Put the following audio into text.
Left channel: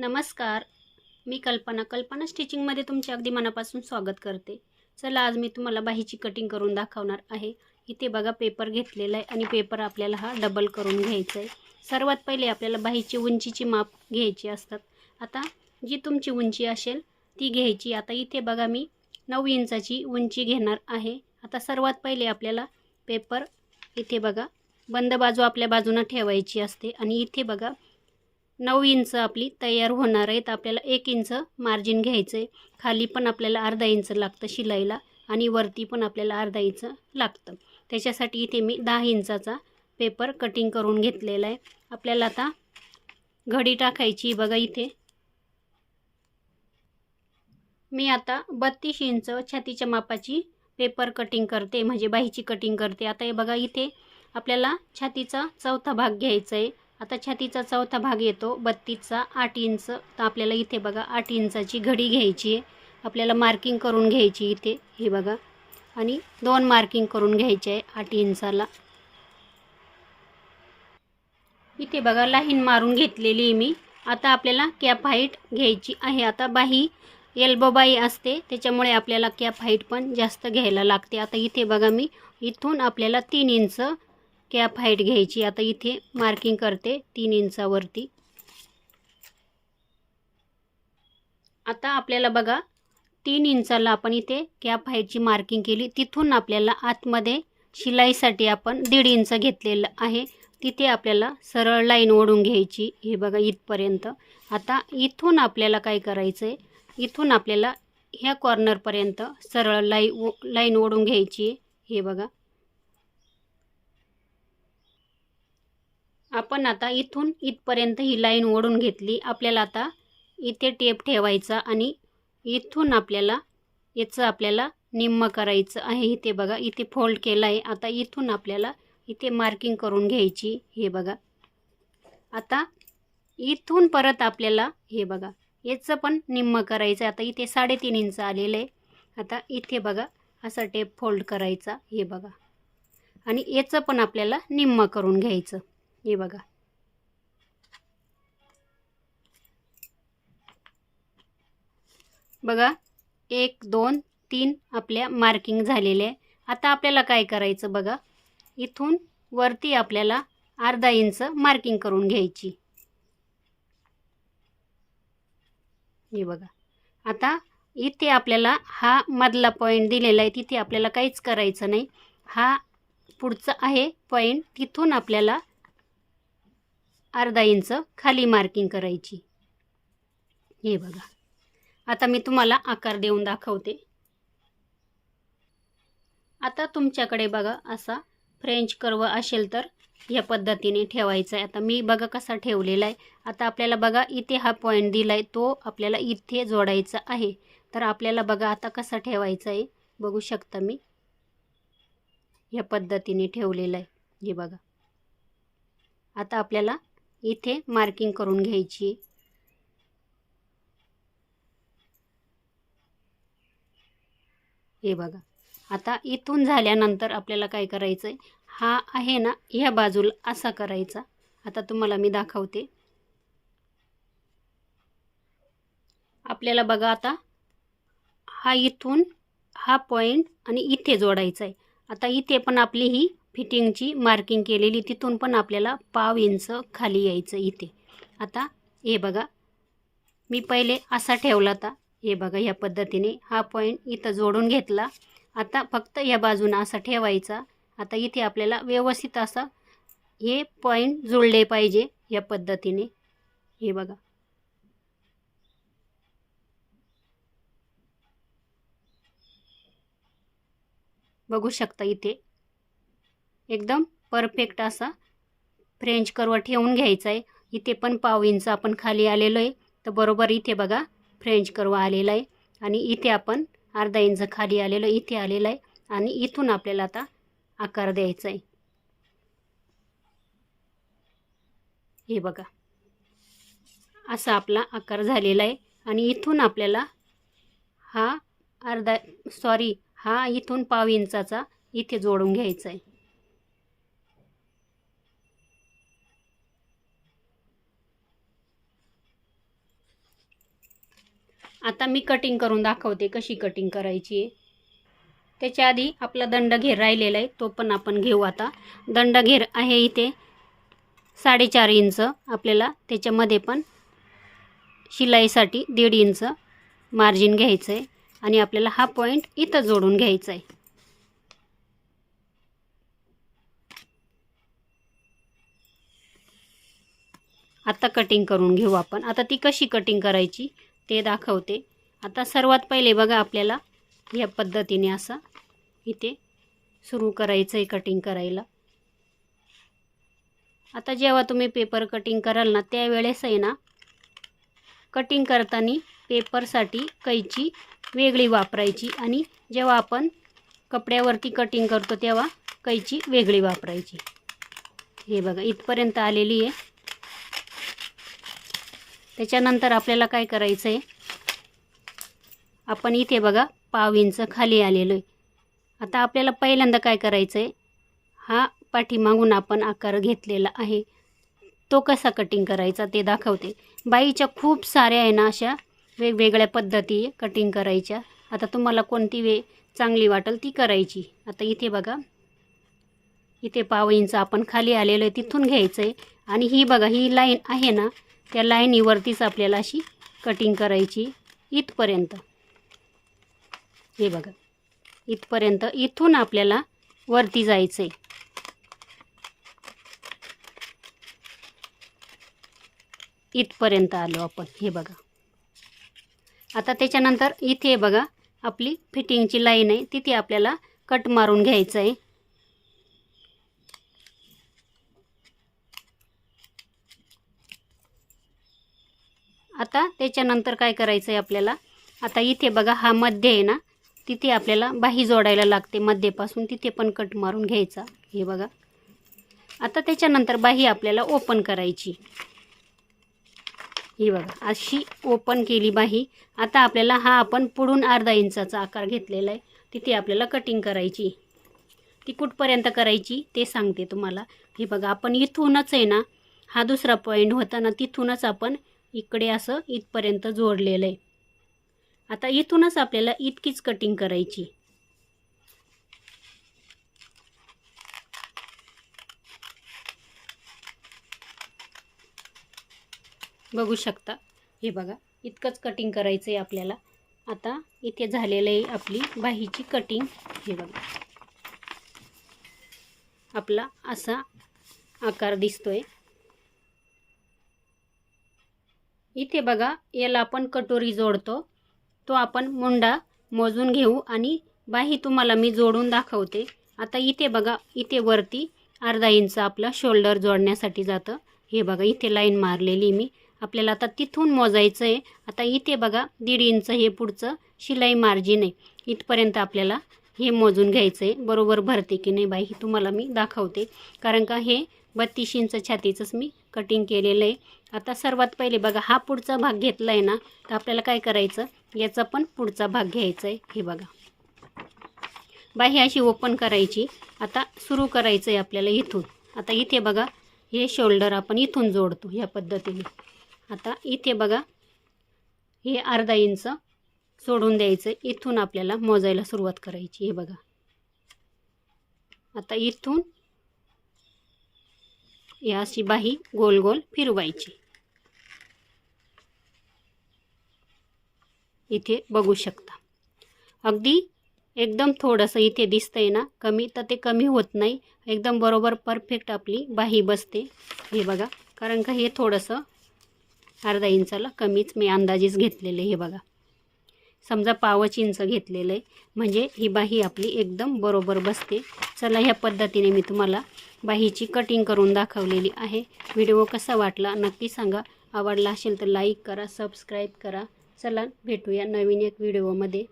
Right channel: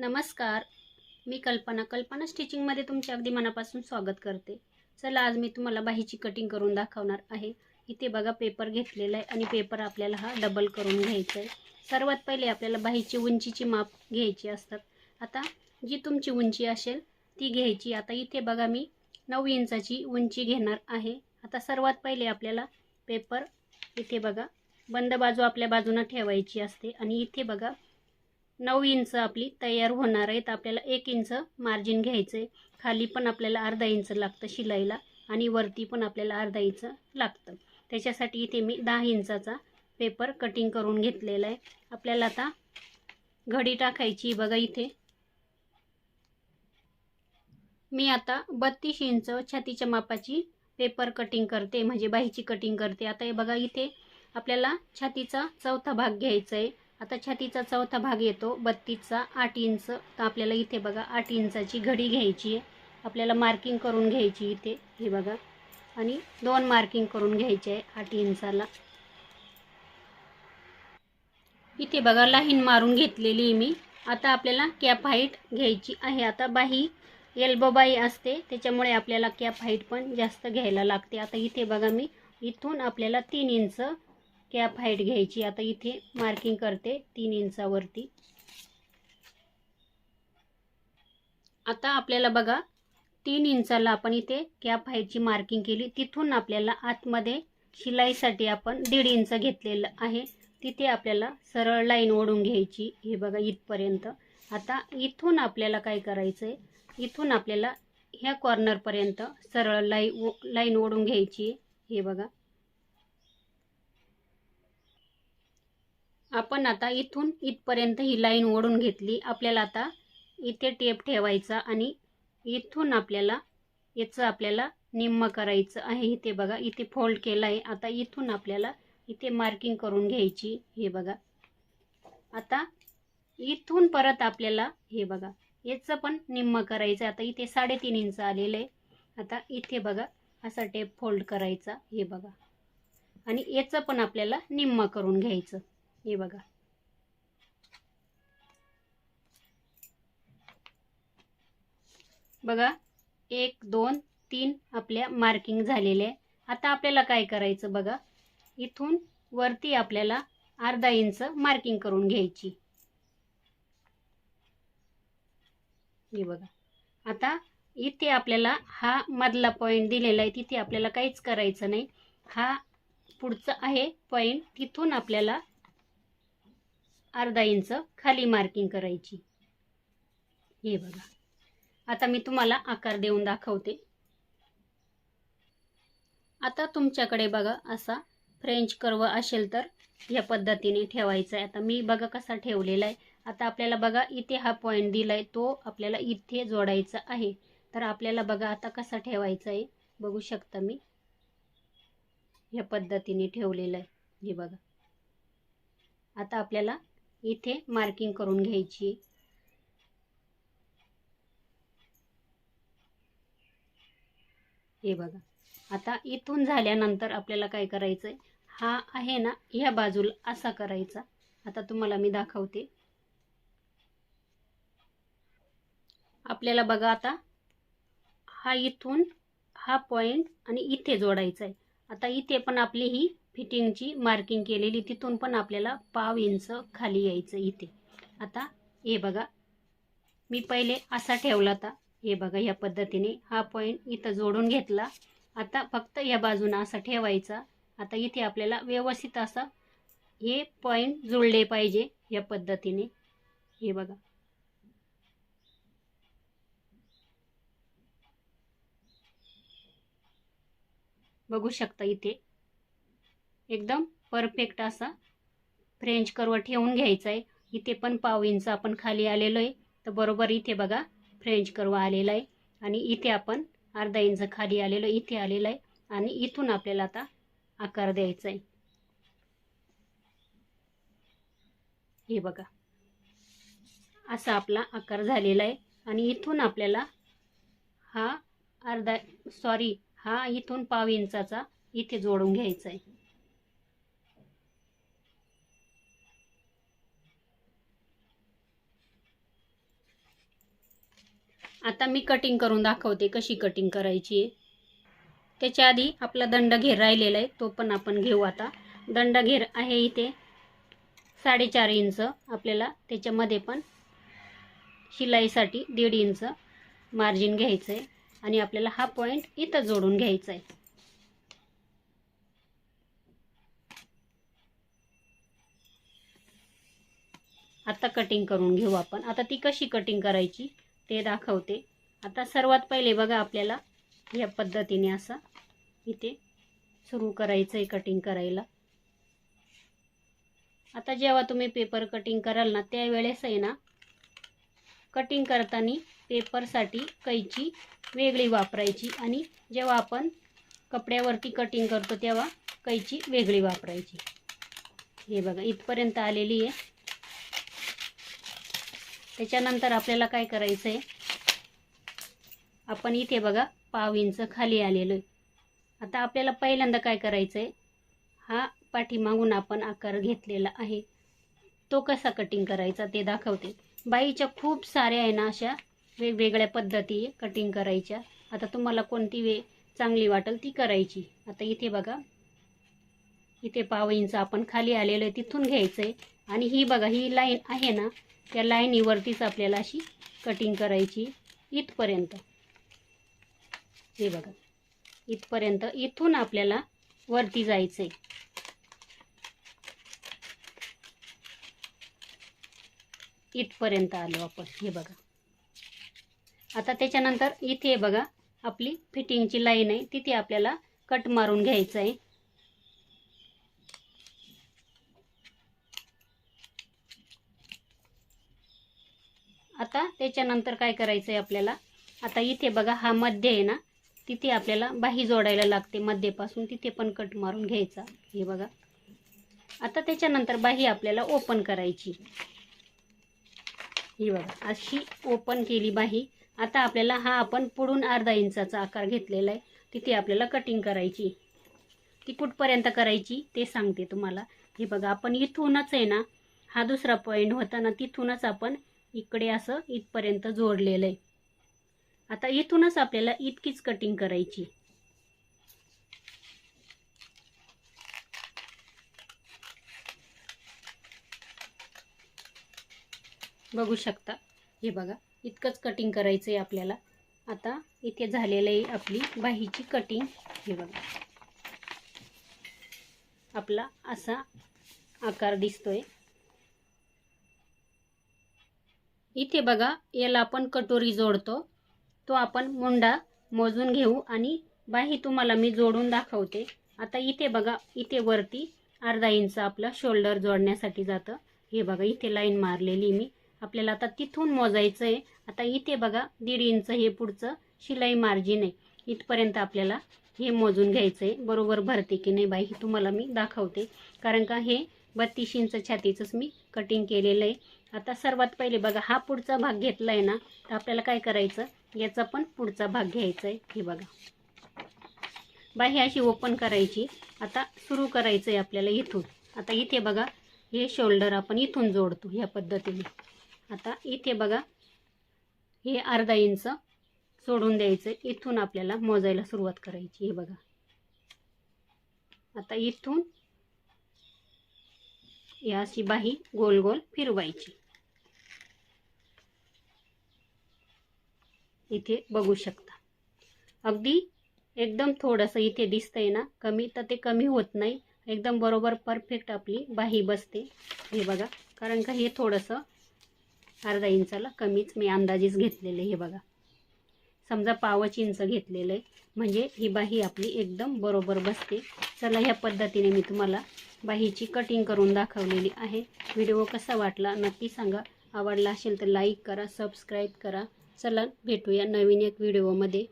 नमस्कार. मी कल्पना. कल्पना स्टिचिंगमध्ये तुमचे अगदी मनापासून स्वागत करते. चला आज मी तुम्हाला बाहीची कटिंग करून दाखवणार आहे. इथे बघा पेपर घेतलेला आहे आणि पेपर आपल्याला हा डबल करून घ्यायचा आहे. सर्वात पहिले आपल्याला बाहीची उंचीची माप घ्यायची असतात. आता जी तुमची उंची असेल ती घ्यायची. आता इथे बघा मी नऊ इंचाची उंची घेणार आहे. आता सर्वात पहिले आपल्याला पेपर इथे बघा बंद बाजू आपल्या बाजूनं ठेवायची असते. आणि इथे बघा नऊ इंच आपली तयार होणार आहे तर आपल्याला एक इंच मार्जिन घ्यायचं आहे खाली पण आपल्याला अर्धा इंच लागतं शिलाईला आणि वरती पण आपल्याला अर्धा इंच लागतं. त्याच्यासाठी इथे मी दहा इंचाचा पेपर कटिंग करून घेतलेला आहे. आपल्याला आता घडी टाकायची बघा इथे. मी आता बत्तीस इंच छातीच्या मापाची पेपर कटिंग करते. म्हणजे बाहीची कटिंग करते. आता हे बघा इथे आपल्याला छातीचा चौथा भाग घ्यायचा आहे. आता छातीचा चौथा भाग येतो. बत्तीसचा आठ इंच. तर आपल्याला इथे बघा आठ इंचाची घडी घ्यायची आहे. आपल्याला मार्किंग करून घ्यायची इथे. हे बघा. आणि दोन मार्किंग करून घ्यायचे आहे आठ इंचाला. इथे बघा लाईन मारून घेतलेली आहे मी. आता आपल्याला कॅप हाईट घ्यायची आहे. आता बाही एल्बो बाई असते. त्याच्यामुळे आपल्याला कॅप हाईट पण जास्त घ्यायला लागते. आता इथे बघा मी. इथून आपल्याला तीन इंच कॅप हाईट घ्यायची. आता इथे मार्किंग करते तीन इंचावरती आता आपल्याला बघा तीन इंचाला आपण इथे कॅप हाईटची मार्किंग केली. तिथून आपल्याला आतमध्ये शिलाईसाठी आपण दीड इंच घेतलेलं आहे. तिथे आपल्याला सरळ लाईन ओढून घ्यायची. हे बघा इथपर्यंत. आता इथून आपल्याला काय करायचं आहे इथून आपल्याला ह्या कॉर्नरपर्यंत सरळ लाई लाईन ओढून घ्यायची. हे बघा. आपण आता इथून इथपर्यंत ही लाईन ओढून घेतली. आपल्याला आता इथे टेप ठेवायचा आणि इथून आपल्याला याचं आपल्याला निम्म करायचं आहे. इथे बघा इथे फोल्ड केला आहे. आता इथून आपल्याला इथे मार्किंग करून घ्यायची. हे बघा. आता इथून परत आपल्याला हे बघा याचं पण निम्म करायचं आता इथे साडेतीन इंच आलेलं आहे. आता इथे बघा असा टेप फोल्ड करायचा. हे बघा. आणि याचं पण आपल्याला निम्म करून घ्यायचं. हे बघा. बघा एक दोन तीन आपल्या मार्किंग झालेले आहे. आता आपल्याला काय करायचं बघा? इथून वरती आपल्याला अर्धा इंच मार्किंग करून घ्यायची. हे बघा. आता इथे आपल्याला हा मधला पॉईंट दिलेला आहे. तिथे आपल्याला काहीच करायचं नाही. हा पुढचा आहे पॉईंट तिथून आपल्याला अर्धा इंच खाली मार्किंग करायची. हे बघा. आता मी तुम्हाला आकार देऊन दाखवते. आता तुमच्याकडे बघा असा फ्रेंच कर्व असेल तर या पद्धतीने ठेवायचा आहे. आता मी बघा कसा ठेवलेला आहे. आता आपल्याला बघा इथे हा पॉईंट दिला आहे तो आपल्याला इथे जोडायचा आहे. तर आपल्याला बघा आता कसा ठेवायचा आहे. बघू शकता मी. या पद्धतीने ठेवलेला आहे. हे बघा. आता आपल्याला इथे मार्किंग करून घ्यायची. हे बघा. आता इथून झाल्यानंतर आपल्याला काय करायचं आहे हा आहे ना ह्या बाजूला असा करायचा. आता तुम्हाला मी दाखवते. आपल्याला बघा आता हा इथून हा पॉईंट आणि इथे जोडायचा आहे आता इथे पण आपली ही फिटिंगची मार्किंग केलेली तिथून पण आपल्याला पाव इंच खाली यायचं इथे. आता हे बघा मी पहिले असा ठेवला होता. हे बघा ह्या पद्धतीने हा पॉईंट इथं जोडून घेतला. आता फक्त या बाजूनं असा ठेवायचा. आता इथे आपल्याला व्यवस्थित असा हे पॉईंट जुळले पाहिजे या पद्धतीने. हे बघा बघू शकता इथे. एकदम परफेक्ट असा फ्रेंच कर्व ठेवून घ्यायचा आहे इथे पण पाव इंच आपण खाली आलेलो आहे तर बरोबर इथे बघा फ्रेंच कर्व आलेला आहे आणि इथे आपण अर्धा इंच खाली आलेलो इथे आलेलं आहे आणि इथून आपल्याला आता आकार द्यायचा आहे हे बघा. असा आपला आकार झालेला आहे आणि इथून आपल्याला हा अर्धा सॉरी हा इथून पाव इंचाचा इथे जोडून घ्यायचा आहे आता मी कटिंग करून दाखवते कशी कटिंग करायची आहे. त्याच्या आधी आपला दंडघेर राहिलेला आहे तो पण आपण घेऊ आता. दंडघेर आहे इथे साडेचार इंच आपल्याला त्याच्यामध्ये पण शिलाईसाठी दीड इंच मार्जिन घ्यायचं आहे आणि आपल्याला हा पॉईंट इथं जोडून घ्यायचा आहे आता कटिंग करून घेऊ आपण. आता ती कशी कटिंग करायची ते दाखवते. आता सर्वात पहिले बघा आपल्याला या पद्धतीने असं इथे सुरू करायचं आहे कटिंग करायला. आता जेव्हा तुम्ही पेपर कटिंग कराल ना त्यावेळेस आहे ना कटिंग करताना पेपरसाठी कैची वेगळी वापरायची आणि जेव्हा आपण कपड्यावरती कटिंग करतो तेव्हा कैची वेगळी वापरायची. हे बघा इथपर्यंत आलेली आहे. त्याच्यानंतर आपल्याला काय करायचं आहे आपण इथे बघा पाव इंच खाली आलेलो आहे. आता आपल्याला पहिल्यांदा काय करायचं आहे हा पाठीमागून आपण आकार घेतलेला आहे. तो कसा कटिंग करायचा ते दाखवते. बाईच्या खूप साऱ्या आहे ना अशा वेगवेगळ्या पद्धती कटिंग करायच्या. आता तुम्हाला कोणती वे चांगली वाटेल ती करायची. आता इथे बघा. इथे पाव इंच आपण खाली आलेलो आहे तिथून घ्यायचं आहे आणि ही बघा ही लाईन आहे ना त्या लाईनीवरतीच आपल्याला अशी कटिंग करायची इथपर्यंत. हे बघा. इथपर्यंत इथून आपल्याला वरती जायचं आहे इथपर्यंत आलो आपण. हे बघा. आता त्याच्यानंतर इथे बघा आपली फिटिंगची लाईन आहे तिथे आपल्याला कट मारून घ्यायचं आहे. आता त्याच्यानंतर काय करायचं आहे आपल्याला? आता इथे बघा हा मध्य आहे ना तिथे आपल्याला बाही जोडायला लागते मध्येपासून तिथे पण कट मारून घ्यायचा हे बघा. आता त्याच्यानंतर बाही आपल्याला ओपन करायची. ही बघा अशी ओपन केली बाही आता आपल्याला हा आपण पुढून अर्धा इंचाचा आकार घेतलेला आहे. तिथे आपल्याला कटिंग करायची. ती कुठपर्यंत करायची ते सांगते तुम्हाला. हे बघा आपण इथूनच आहे ना हा दुसरा पॉईंट होता ना तिथूनच आपण इकडे असं इथपर्यंत जोडलेलं आहे. आता इथूनच आपल्याला इतकीच कटिंग करायची. बघू शकता. हे बघा इतकंच कटिंग करायचं आहे आपल्याला. आता इथे झालेलं आहे आपली बाहीची कटिंग हे बघा. आपला असा आकार दिसतोय. इथे बघा याला आपण कटोरी जोडतो. तो आपण मुंडा मोजून घेऊ आणि बाही तुम्हाला मी जोडून दाखवते. आता इथे बघा इथे वरती अर्धा इंच आपला शोल्डर जोडण्यासाठी जातं. हे बघा इथे लाईन मारलेली मी. आपल्याला आता तिथून मोजायचं आहे आता इथे बघा दीड इंच हे पुढचं शिलाई मार्जिन आहे. इथपर्यंत आपल्याला हे मोजून घ्यायचं आहे बरोबर भरते की नाही बाई हे तुम्हाला मी दाखवते. कारण का हे बत्तीस इंच छातीचंच मी कटिंग केलेलं आहे. आता सर्वात पहिले बघा हा पुढचा भाग घेतला आहे ना तर आपल्याला काय करायचं? याचा पण पुढचा भाग घ्यायचा आहे हे बघा. बाही अशी ओपन करायची. आता सुरू करायचं आहे आपल्याला इथून. आता इथे बघा हे शोल्डर आपण इथून जोडतो ह्या पद्धतीने. आता इथे बघा हे अर्धा इंच सोडून द्यायचं. इथून आपल्याला मोजायला सुरुवात करायची हे बघा. आता इथून या अशी बाही गोल गोल फिरवायची. इथे बघू शकता. अगदी एकदम थोडंसं इथे दिसतंय ना कमी तर ते कमी होत नाही. एकदम बरोबर परफेक्ट आपली बाही बसते. हे बघा कारण का हे थोडंसं अर्धा इंचाला कमीच मी अंदाजेच घेतलेलं हे बघा. समजा पावच इंच घेतलेलं आहे. म्हणजे ही बाही आपली एकदम बरोबर बसते. चला ह्या पद्धतीने मी तुम्हाला बाहीची कटिंग करून दाखवलेली आहे. व्हिडिओ कसा वाटला नक्की सांगा. आवडला असेल तर लाईक करा सबस्क्राईब करा. चला भेटूया नवीन एक व्हिडिओमध्ये.